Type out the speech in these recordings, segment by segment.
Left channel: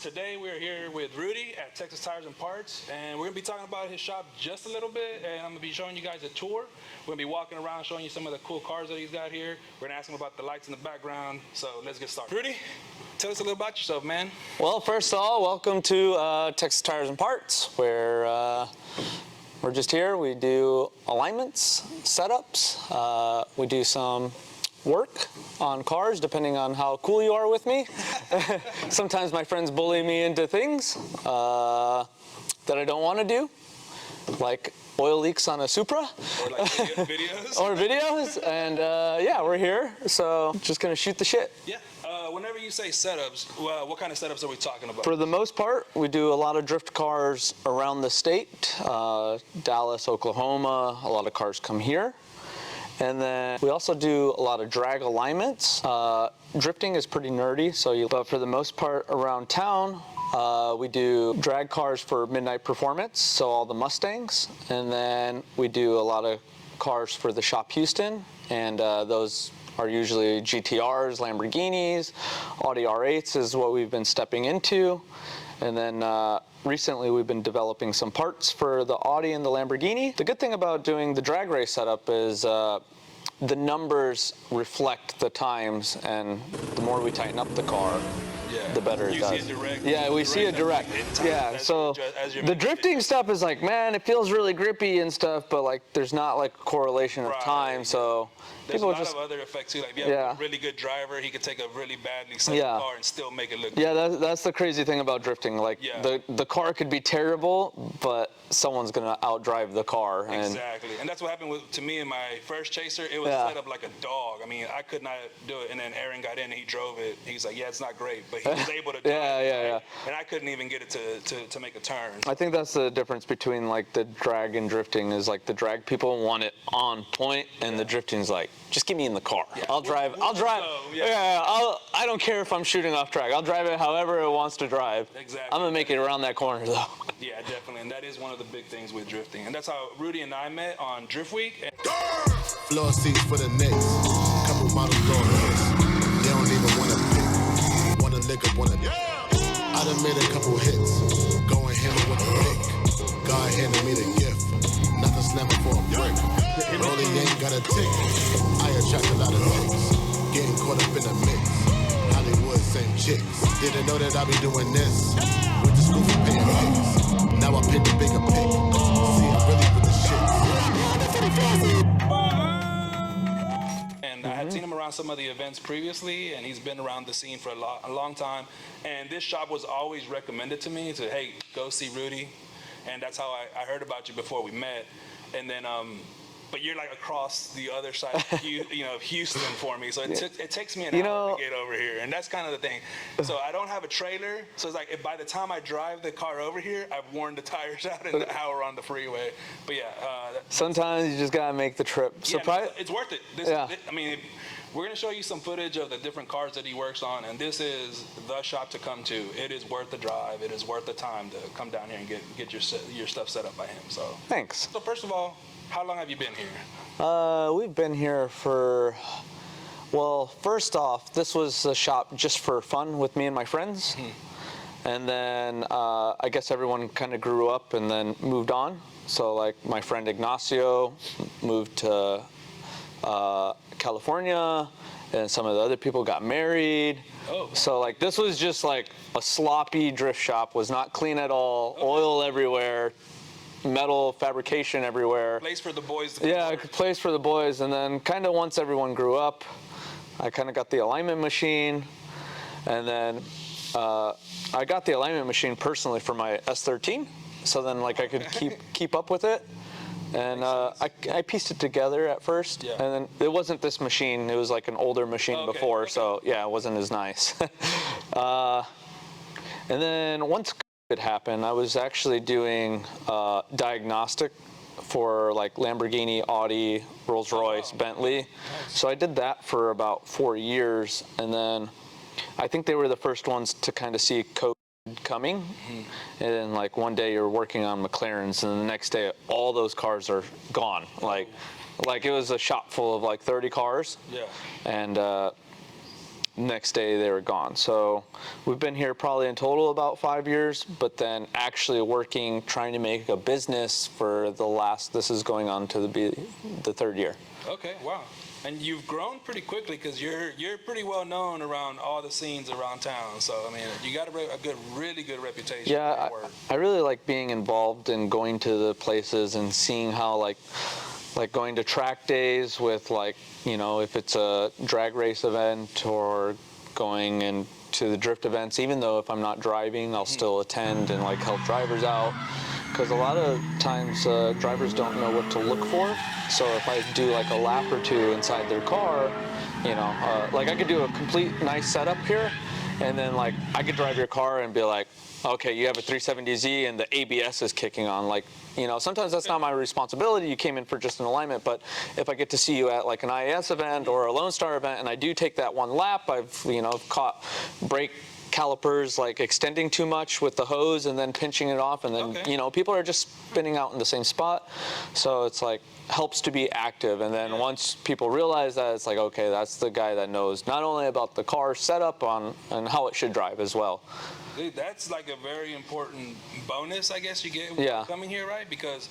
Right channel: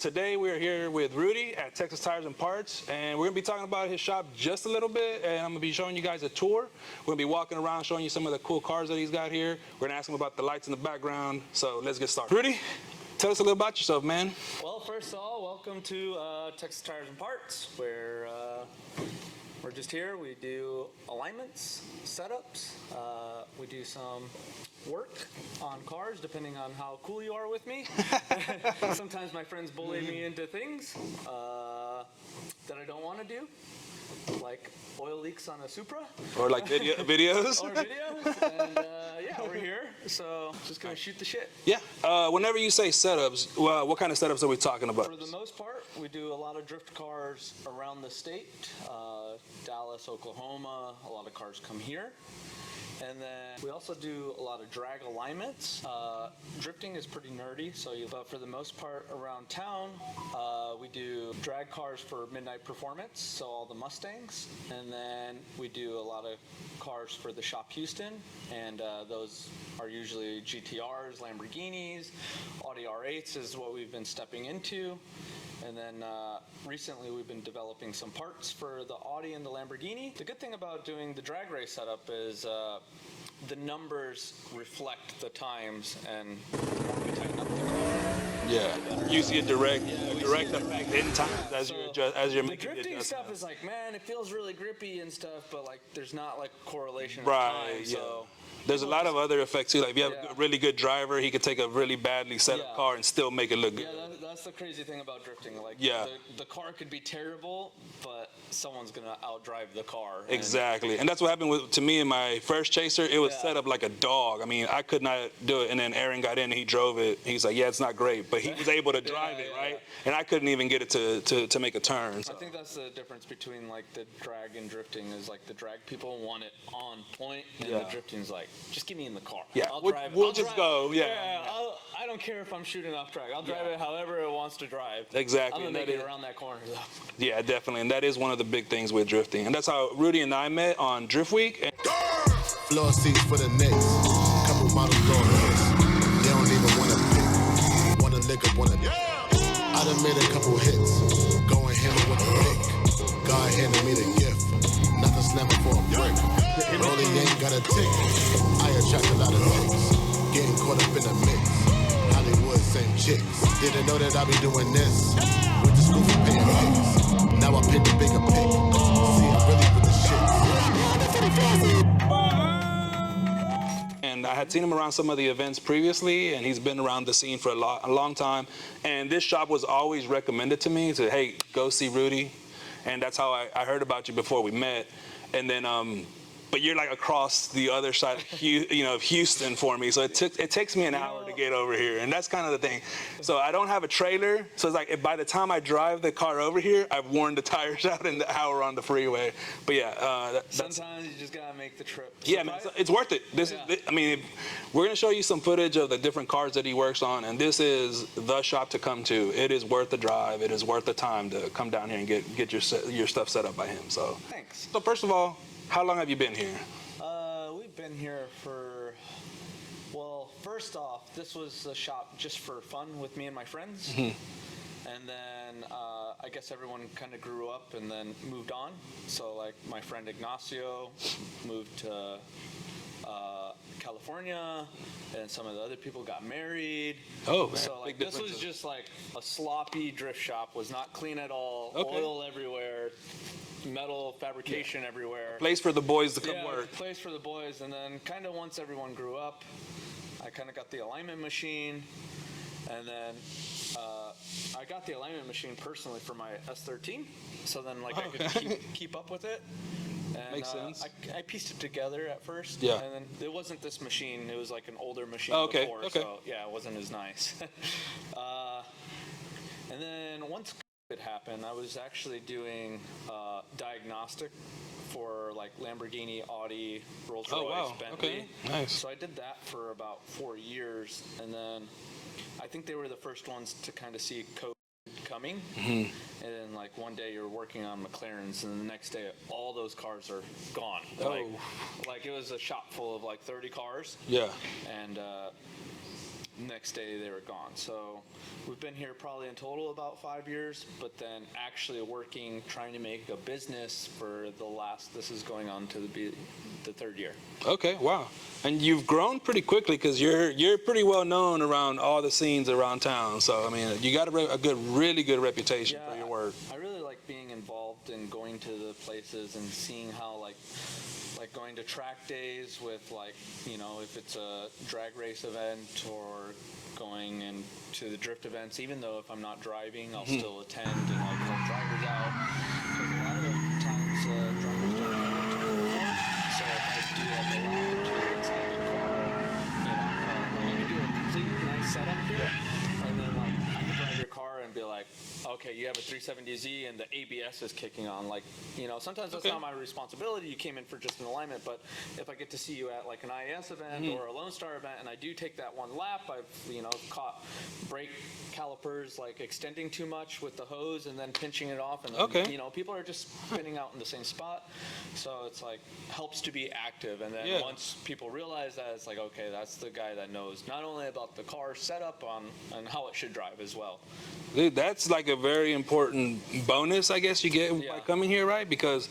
Today we're here with Rudy at Texas Tires and Parts, and we're going to be talking about his shop just a little bit, and I'm going to be showing you guys a tour. We're going to be walking around showing you some of the cool cars that he's got here. We're going to ask him about the lights in the background, so let's get started. Rudy, tell us a little about yourself, man. Well, first of all, welcome to Texas Tires and Parts, where we're just here. We do alignments, setups, we do some work on cars, depending on how cool you are with me. Sometimes my friends bully me into things that I don't want to do, like oil leaks on a Supra. Or like videos. Or videos, and yeah, we're here, so just gonna shoot the shit. Yeah, whenever you say setups, what kind of setups are we talking about? For the most part, we do a lot of drift cars around the state, Dallas, Oklahoma, a lot of cars come here. And then we also do a lot of drag alignments. Drifting is pretty nerdy, but for the most part around town, we do drag cars for Midnight Performance, so all the Mustangs. And then we do a lot of cars for the Shop Houston, and those are usually GTRs, Lamborghinis, Audi R8s is what we've been stepping into. And then recently we've been developing some parts for the Audi and the Lamborghini. The good thing about doing the drag race setup is the numbers reflect the times, and the more we tighten up the car, the better it does. You see it direct? Yeah, we see it direct. Yeah, so the drifting stuff is like, man, it feels really grippy and stuff, but like there's not like a correlation of time, so. There's a lot of other effects too. Like if you have a really good driver, he could take a really badly set up car and still make it look good. Yeah, that's the crazy thing about drifting. Like the car could be terrible, but someone's gonna outdrive the car. Exactly, and that's what happened to me in my first Chaser. It was set up like a dog. I mean, I could not do it, and then Aaron got in and he drove it. He's like, yeah, it's not great, but he was able to drive it, and I couldn't even get it to make a turn. So. I think that's the difference between like the drag and drifting is like the drag people want it on point, and the drifting is like, just get me in the car. Yeah, I'll drive. We'll just go. I don't care if I'm shooting off track. I'll drive it however it wants to drive. Exactly. I'm gonna make it around that corner though. Yeah, definitely, and that is one of the big things with drifting, and that's how Rudy and I met on Drift Week. Floor seats for the Knicks. Couple models going hits. They don't even wanna pick. Wanna lick up, wanna. I done made a couple hits. Going hammer with a pick. God handed me the gift. Nothing slamming for a brick. Rolling ain't got a tick. I attract a lot of chicks. Getting caught up in the mix. Hollywood, same chicks. Didn't know that I be doing this. Went to school for paying pics. Now I paint the bigger pic. See, I'm really with the shit. And I had seen him around some of the events previously, and he's been around the scene for a long time. And this shop was always recommended to me to, hey, go see Rudy. And that's how I heard about you before we met. And then, but you're like across the other side, of Houston for me. So it takes me an hour to get over here, and that's kind of the thing. So I don't have a trailer, so it's like by the time I drive the car over here, I've worn the tires out in the hour on the freeway. But yeah, sometimes you just gotta make the trip. Yeah, it's worth it. I mean, we're gonna show you some footage of the different cars that he works on, and this is the shop to come to. It is worth the drive. It is worth the time to come down here and get your stuff set up by him. So thanks. So first of all, how long have you been here? We've been here for, well, first off, this was a shop just for fun with me and my friends. And then I guess everyone kind of grew up and then moved on. So like my friend Ignacio moved to California, and some of the other people got married. Oh. So like this was just like a sloppy drift shop, was not clean at all, oil everywhere. Metal fabrication everywhere. Place for the boys to come work. Place for the boys. And then kind of once everyone grew up, I kind of got the alignment machine. And then I got the alignment machine personally for my S13. So then like I could keep up with it. And I pieced it together at first. Yeah. And then it wasn't this machine. It was like an older machine before. So yeah, it wasn't as nice. And then once it happened, I was actually doing diagnostic for like Lamborghini, Audi, Rolls-Royce, wow. Bentley. Okay. Nice. So I did that for about 4 years, and then I think they were the first ones to kind of see code coming. And then like one day you're working on McLarens, and the next day all those cars are gone. Like it was a shop full of like 30 cars. Yeah. And next day they were gone. So we've been here probably in total about 5 years, but then actually working, trying to make a business for this is going on to be the third year. Okay, wow. And you've grown pretty quickly because you're pretty well known around all the scenes around town. So I mean, you got a really good reputation for your work. I really like being involved in going to the places and seeing how like going to track days with like, you know, if it's a drag race event or going into the drift events, even though if I'm not driving, I'll still attend and like help drivers out. Because a lot of times drivers don't know what to look for. So if I do like a lap or two inside their car, you know, like I could do a complete nice setup here, and then like I could drive your car and be like, okay, you have a 370Z and the ABS is kicking on. Like, you know, sometimes that's not my responsibility. You came in for just an alignment, but if I get to see you at like an IAS event or a Lone Star event, and I do take that one lap, I've, you know, caught brake calipers like extending too much with the hose and then pinching it off, and then you know, people are just spinning out in the same spot. So it's like helps to be active, and then once people realize that, it's like, okay, that's the guy that knows not only about the car setup and how it should drive as well. Dude, that's like a very important bonus, I guess, you get when coming here, right? Because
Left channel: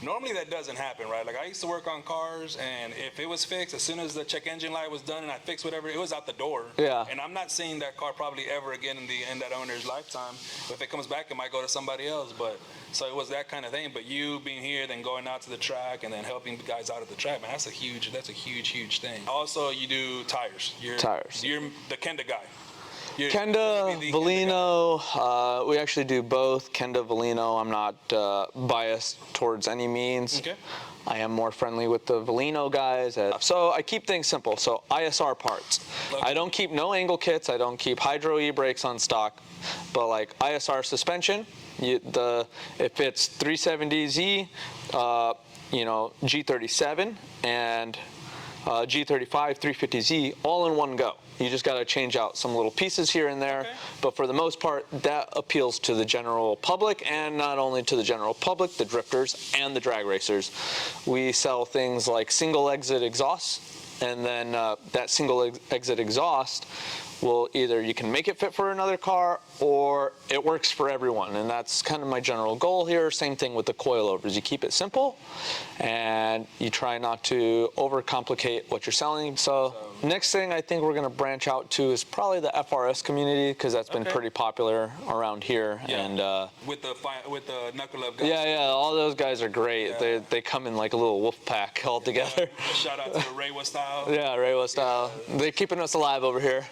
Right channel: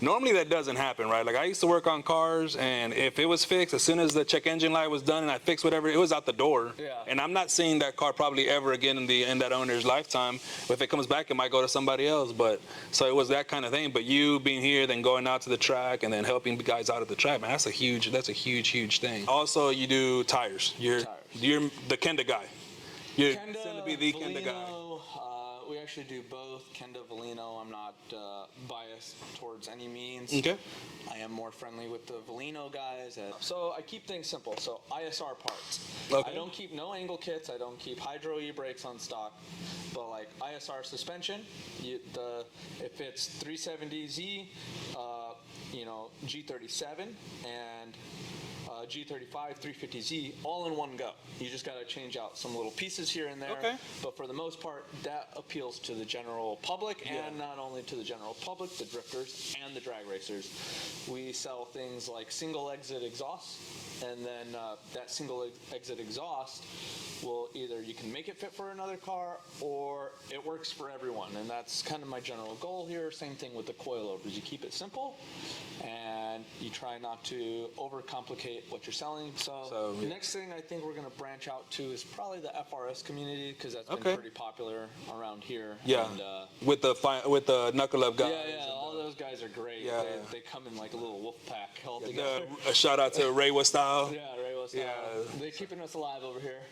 normally that doesn't happen, right? Like I used to work on cars, and if it was fixed, as soon as the check engine light was done and I fixed whatever, it was out the door. Yeah. And I'm not seeing that car probably ever again in that owner's lifetime. If it comes back, it might go to somebody else. But so it was that kind of thing. But you being here, then going out to the track, and then helping guys out at the track, man, that's a huge thing. Also, you do tires. You're the Kenda guy. Kenda, Valino, we actually do both. Kenda, Valino, I'm not biased towards any means. Okay. I am more friendly with the Valino guys. So I keep things simple. So ISR parts. Okay. I don't keep no angle kits. I don't keep hydro e-brakes on stock. But like ISR suspension, if it's 370Z, you know, G37 and G35, 350Z, all in one go. You just got to change out some little pieces here and there. Okay. But for the most part, that appeals to the general public, and not only to the general public, the drifters and the drag racers. We sell things like single exit exhausts, and then that single exit exhaust will either you can make it fit for another car, or it works for everyone, and that's kind of my general goal here. Same thing with the coilovers. You keep it simple, and you try not to overcomplicate what you're selling. So next thing I think we're going to branch out to is probably the FRS community, because that's been pretty popular around here. Yeah. And with the Knuckle Up guys. Yeah, all those guys are great. Yeah. They come in like a little wolf pack all together. A shout out to Reiwa Style. Yeah, Reiwa Style. Yeah. They're keeping us alive over here.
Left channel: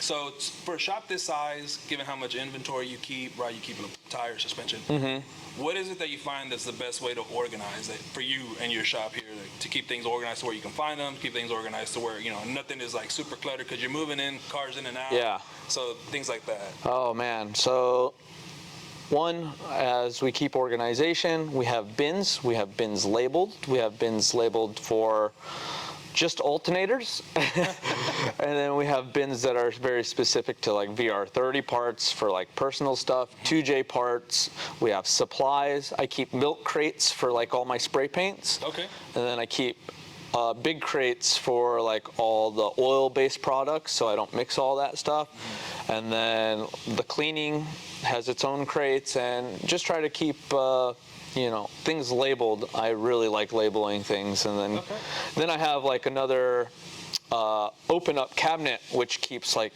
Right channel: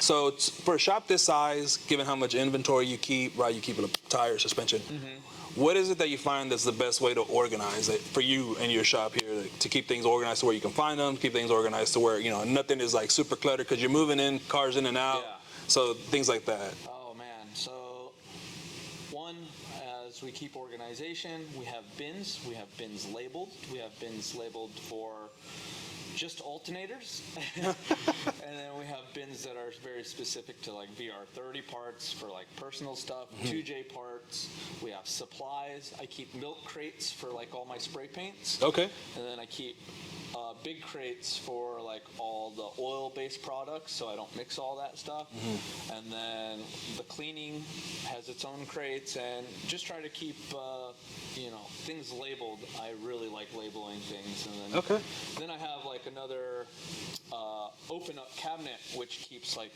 So for a shop this size, given how much inventory you keep, right, you keep a tire, suspension, what is it that you find that's the best way to organize it for you and your shop here, to keep things organized to where you can find them, keep things organized to where, you know, nothing is like super cluttered because you're moving in, cars in and out. Yeah. So things like that. Oh, man. So one, as we keep organization, we have bins. We have bins labeled. We have bins labeled for just alternators. And then we have bins that are very specific to like VR30 parts for like personal stuff, 2J parts. We have supplies. I keep milk crates for like all my spray paints. Okay. And then I keep big crates for like all the oil-based products, so I don't mix all that stuff. And then the cleaning has its own crates, and just try to keep you know, things labeled. I really like labeling things. And then I have like another open up cabinet which keeps like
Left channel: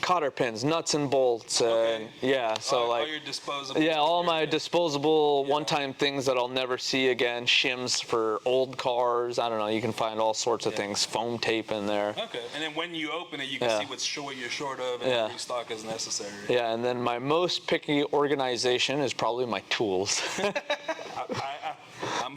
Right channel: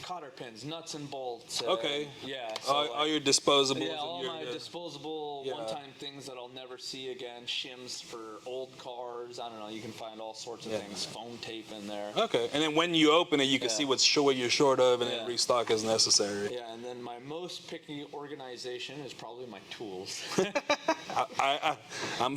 cotter pins, nuts and bolts. Yeah, so all your disposable. Yeah, all my disposable one-time things that I'll never see again. Shims for old cars. I don't know. You can find all sorts of things. Foam tape in there. Okay, and then when you open it, you can see what you're short of, and restock as necessary. Yeah, and then my most picky organization is probably my tools.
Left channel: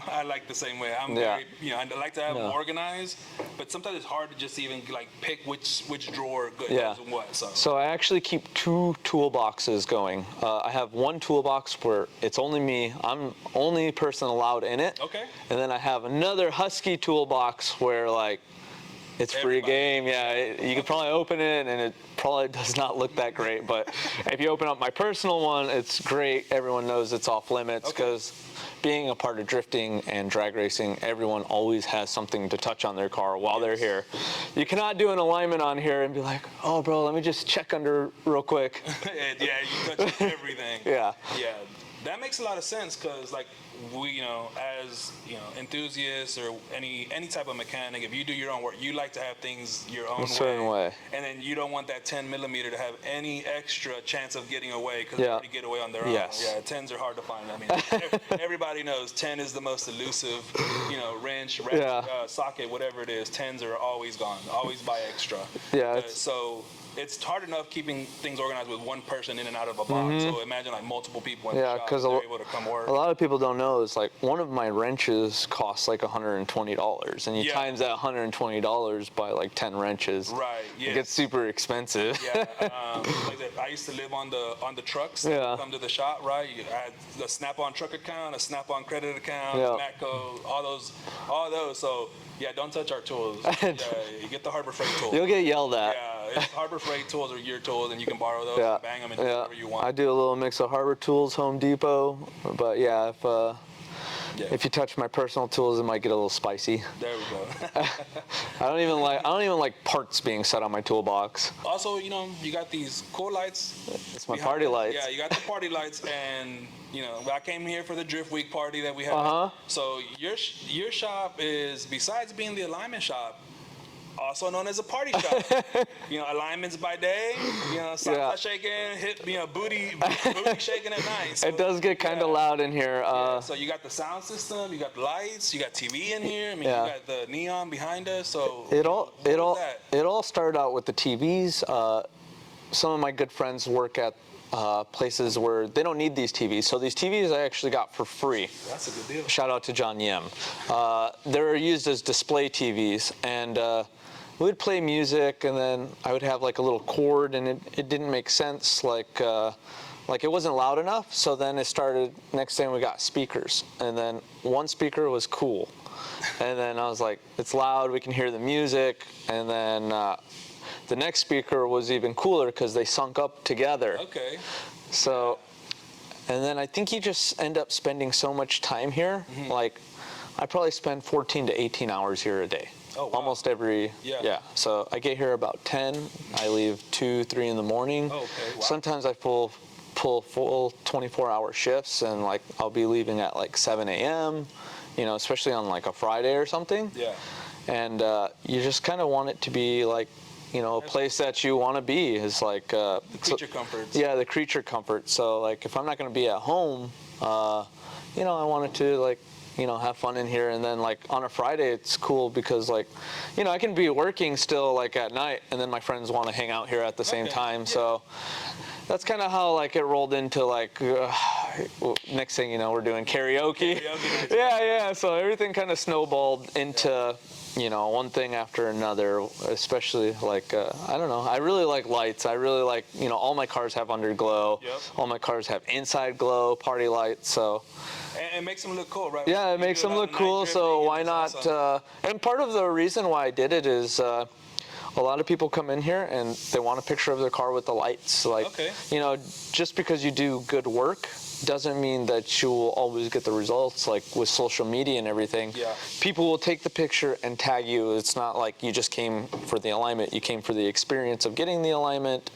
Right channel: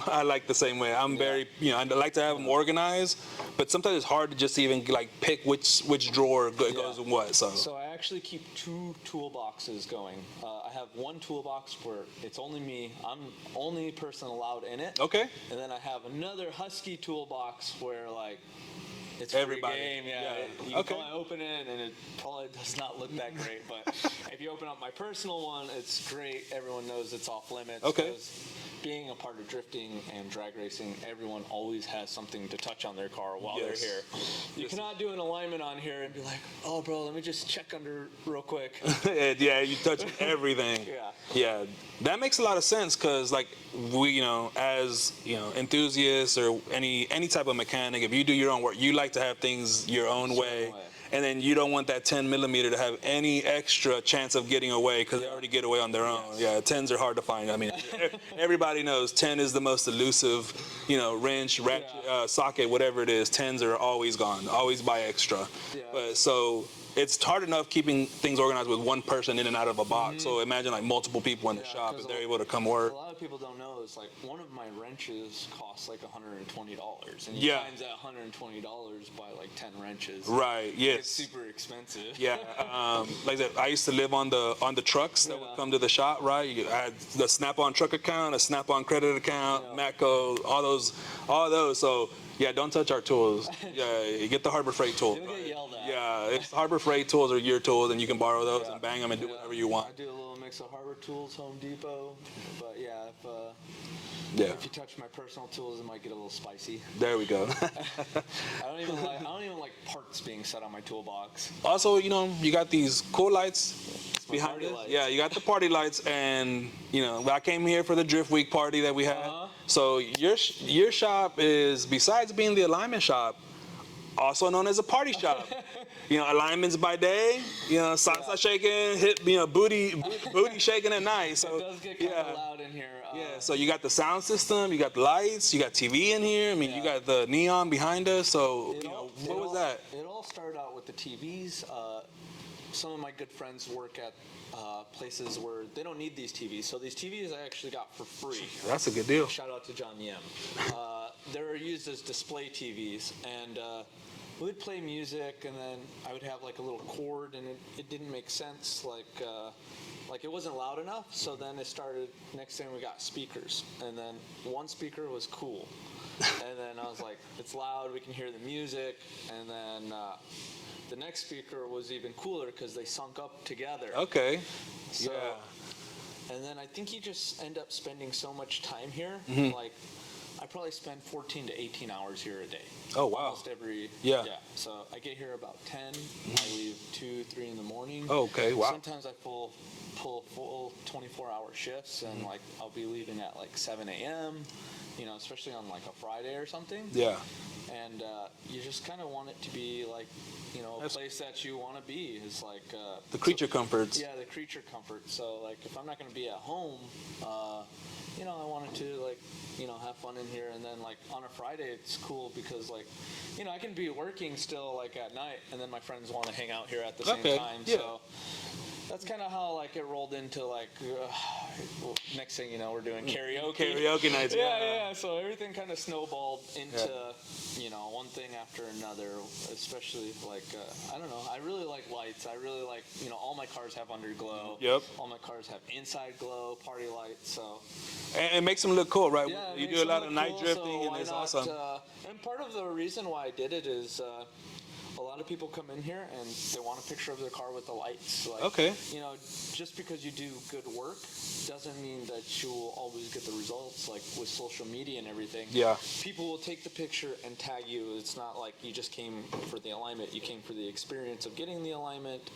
I like the same way. I'm very, you know, I like to have them organized, but sometimes it's hard to just even like pick which drawer goes in what. So I actually keep 2 toolboxes going. I have one toolbox where it's only me. I'm only person allowed in it. Okay. And then I have another Husky toolbox where like it's free Everybody. game. You could probably open it and it probably does not look that great. But if you open up my personal one, it's great. Everyone knows it's off limits Okay. because being a part of drifting and drag racing, everyone always has something to touch on their car while Yes. they're here. You cannot do an alignment on here and be like, oh, bro, let me just check under real quick. Yeah, you touch everything. Yeah. Yeah, that makes a lot of sense because, like, we, as enthusiasts or any type of mechanic, if you do your own work, you like to have things your own certain way. and then you don't want that 10 millimeter to have any extra chance of getting away because they Yeah. already get away on their own. Yes. Yeah, 10s are hard to find. I mean, everybody knows 10 is the most elusive, wrench, ratchet, Yeah. socket, whatever it is. 10s are always gone. Always buy extra. Yeah, So it's hard enough keeping things organized with one person in and out of a box. So imagine like multiple people in Yeah, the shop. 'cause They're able to come work. A lot of people don't know is like one of my wrenches costs like $120, and you Yeah. times that $120 by like 10 wrenches. Right. Yes. It gets super expensive. Yeah, like I said, I used to live on the trucks that Yeah. come to the shop, right? You had the Snap-on truck account, a Snap-on credit account, Yeah. Matco, all those. So yeah, don't touch our tools. Yeah, you get the Harbor Freight tools. You'll get yelled at. Yeah, it's Harbor Freight tools or your tools, and you can borrow those and bang them and do whatever you want. I do a little mix of Harbor Tools, Home Depot, but yeah, Yeah. if you touch my personal tools, it might get a little spicy. There we go. I don't even like parts being set on my toolbox. Also, you got these cool lights. It's my behind party it. lights. Yeah, you got the party lights, and I came here for the Drift Week party that we had. Uh-huh. So your shop is, besides being the alignment shop, also known as a party shop. Alignments by day, salsa Yeah. shaking, booty shaking at night. So, It does get kind of yeah. loud in here. So you got the sound system, you got the lights, you got TV in here. I mean, Yeah. you got the neon behind us. So It what was that? all started out with the TVs. Some of my good friends work at places where they don't need these TVs. So these TVs I actually got for free. That's a good deal. Shout out to John Yem. They're used as display TVs, and we would play music, and then I would have like a little cord, and it didn't make sense. Like it wasn't loud enough. So then it started. Next thing we got speakers, and then one speaker was cool, and then I was like, it's loud. We can hear the music, and then. The next speaker was even cooler because they sunk up together. Okay. So, and then I think you just end up spending so much time here. Mm-hmm. Like, I probably spend 14 to 18 hours here a day. Oh, wow. Almost every. Yeah. So I get here about 10. I leave 2, 3 in the morning. Okay, wow. Sometimes I pull full 24-hour shifts, and like I'll be leaving at like 7 a.m. Especially on like a Friday or something. Yeah. And you just kind of want it to be like, a place that you want to be is like The creature comforts. Yeah, the creature comfort. So like, if I'm not going to be at home, I wanted to like, have fun in here. And then like on a Friday, it's cool because like, I can be working still like at night, and then my friends want to hang out here at the same Okay, time. yeah. So that's kind of how like it rolled into like next thing you know, we're doing karaoke. Karaoke nights. Yeah. So everything kind of snowballed into, one thing after another, especially like, I don't know. I really like lights. I really like, all my cars have underglow. Yep. All my cars have inside glow, party lights. So And it makes them look cool, right? yeah, it You makes do a them lot look of night cool. So drifting, why and not? it's awesome. And part of the reason why I did it is, a lot of people come in here and they want a picture of their car with the lights. Like, Okay. just because you do good work doesn't mean that you will always get the results. Like with social media and everything, Yeah. people will take the picture and tag you. It's not like you just came for the alignment. You came for the experience of getting the alignment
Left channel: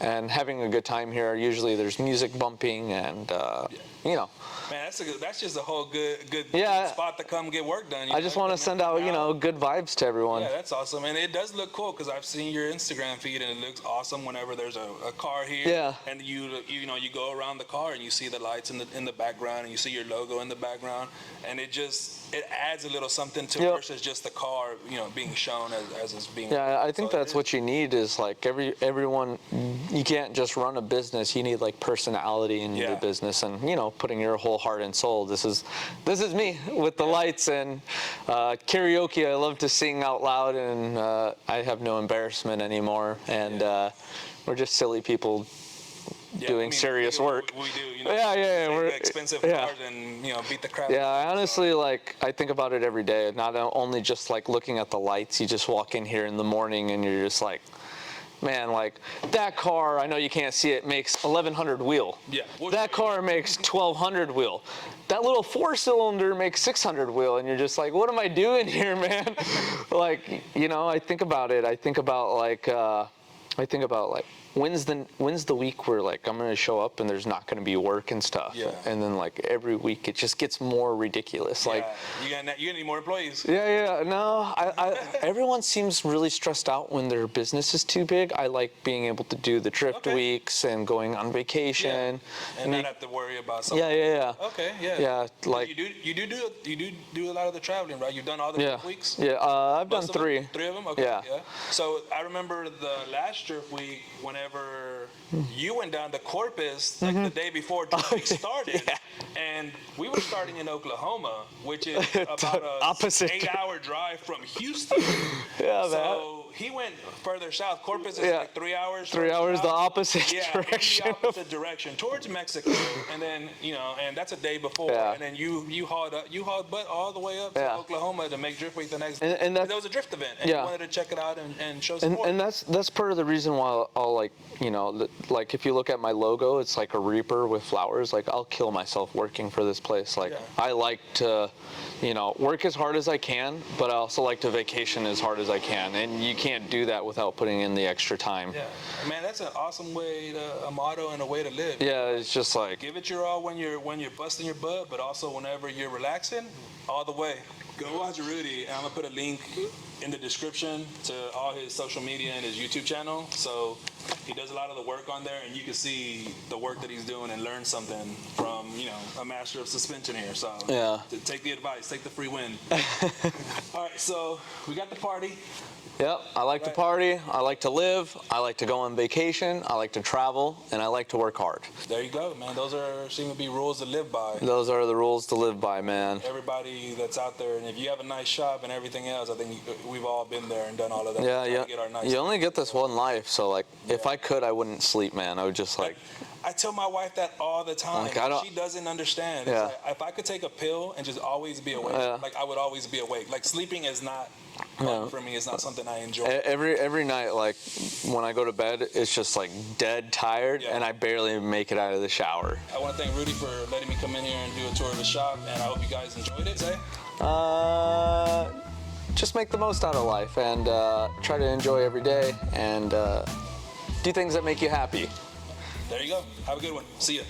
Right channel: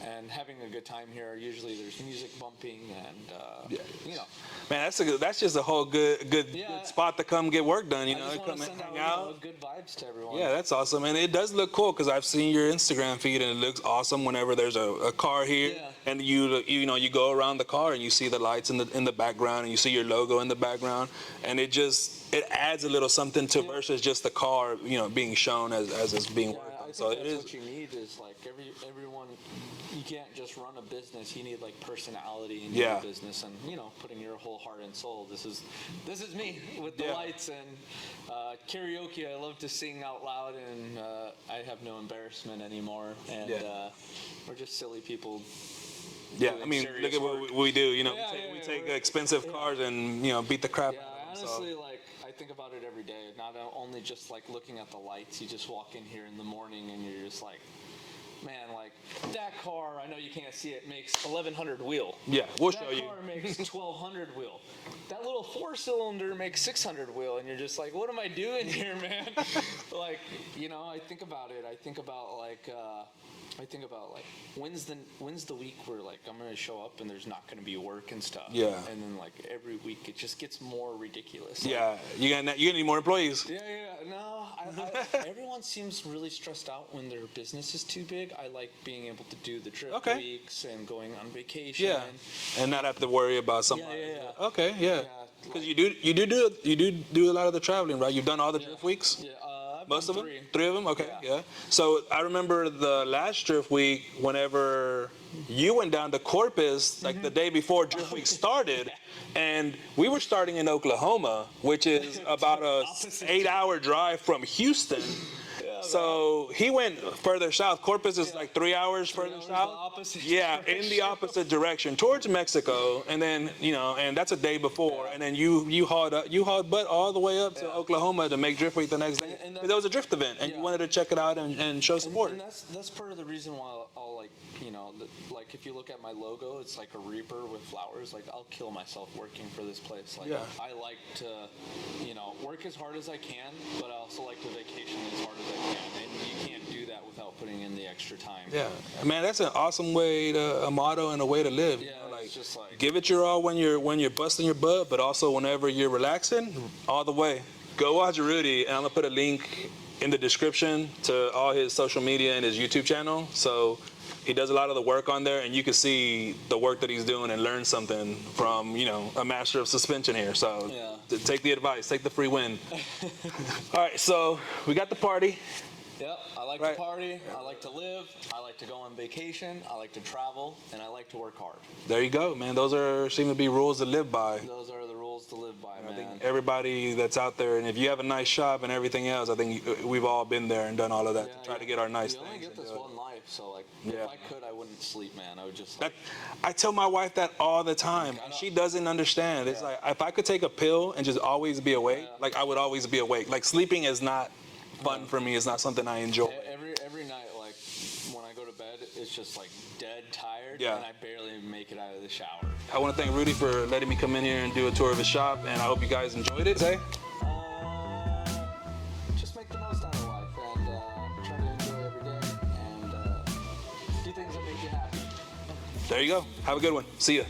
and having a good time here. Usually there's music bumping and, Man, that's just a whole good Yeah. spot to come get work done. I just want to send out, good vibes to everyone. Yeah, that's awesome, and it does look cool because I've seen your Instagram feed and it looks awesome whenever there's a car here. Yeah. And you go around the car and you see the lights in the background and you see your logo in the background, and it adds a little something to Yep. versus just the car being shown as it's being. Yeah, I think So it that's is- what you need is like everyone. You can't just run a business. You need like personality in your Yeah. business, and putting your whole full heart and soul. This is me with the lights and karaoke. I love to sing out loud, and I have no embarrassment anymore. And we're just silly people doing serious look at work. what we do, you know. Yeah, take we're the expensive yeah. cars and beat the crap. Yeah, out I of them, honestly I think about it every day. Not only just like looking at the lights. You just walk in here in the morning and you're just like, man, like that car, I know you can't see it, makes 1,100 wheel. Yeah, we'll that show you. car makes 1,200 wheel. That little 4-cylinder makes 600 wheel, and you're just like, what am I doing here, man? Like, I think about it. I think about like, when's the week where like I'm gonna show up and there's not gonna be work and stuff. Yeah. And then like every week it just gets more ridiculous. Like, you're gonna need more employees. No, everyone seems really stressed out when their business is too big. I like being able to do the drift weeks and going on vacation. And not have to worry about something. Yeah. Okay, yeah. Yeah, like you do a lot of the traveling, right? You've done all the drift weeks? Yeah, I've done Most of them? 3. 3 of them? Okay, Yeah. So I remember the last drift week, whenever you went down to Corpus, like the day before drift week started, and we were starting in Oklahoma, which is about a Opposite. 8-hour drive from Houston. So he went further south. Corpus is like 3 hours. 3 hours south. the opposite direction. In the opposite direction towards Mexico, and then and that's a day before, and then you hauled butt all the way up to Oklahoma to make drift week the next day. And that was a drift event, and you wanted to check it out and show support. And that's part of the reason why I'll like if you look at my logo, it's like a reaper with flowers. Like I'll kill myself working for this place. Like I like to, work as hard as I can, but I also like to vacation as hard as I can, and you can't do that without putting in the extra time. Yeah, man, that's an awesome a motto and a way to live. Yeah, it's just like give it your all when you're busting your butt, but also whenever you're relaxing, all the way. Go watch Rudy, and I'm gonna put a link in the description to all his social media and his YouTube channel. So he does a lot of the work on there, and you can see the work that he's doing and learn something from, a master of suspension here. So take the advice, take the free win. All right, so we got the party. Yep, I like to party, I like to live, I like to go on vacation, I like to travel, and I like to work hard. There you go, man. Those seem to be rules to live by. Those are the rules to live by, man. Everybody that's out there, and if you have a nice shop and everything else, I think we've all been there and done all of that. Yeah. To get our nice you only get this one life, so like, if I could, I wouldn't sleep, man. I would just like. I tell my wife that all the time. Like, she doesn't understand. It's like, if I could take a pill and just always be awake, like I would always be awake. Like sleeping is not fun for me. It's not something I enjoy. Every night, like when I go to bed, it's just like dead tired, and I barely make it out of the shower. I want to thank Rudy for letting me come in here and do a tour of his shop, and I hope you guys enjoyed it today. Just make the most out of life and try to enjoy every day and do things that make you happy. There you go. Have a good one. See ya.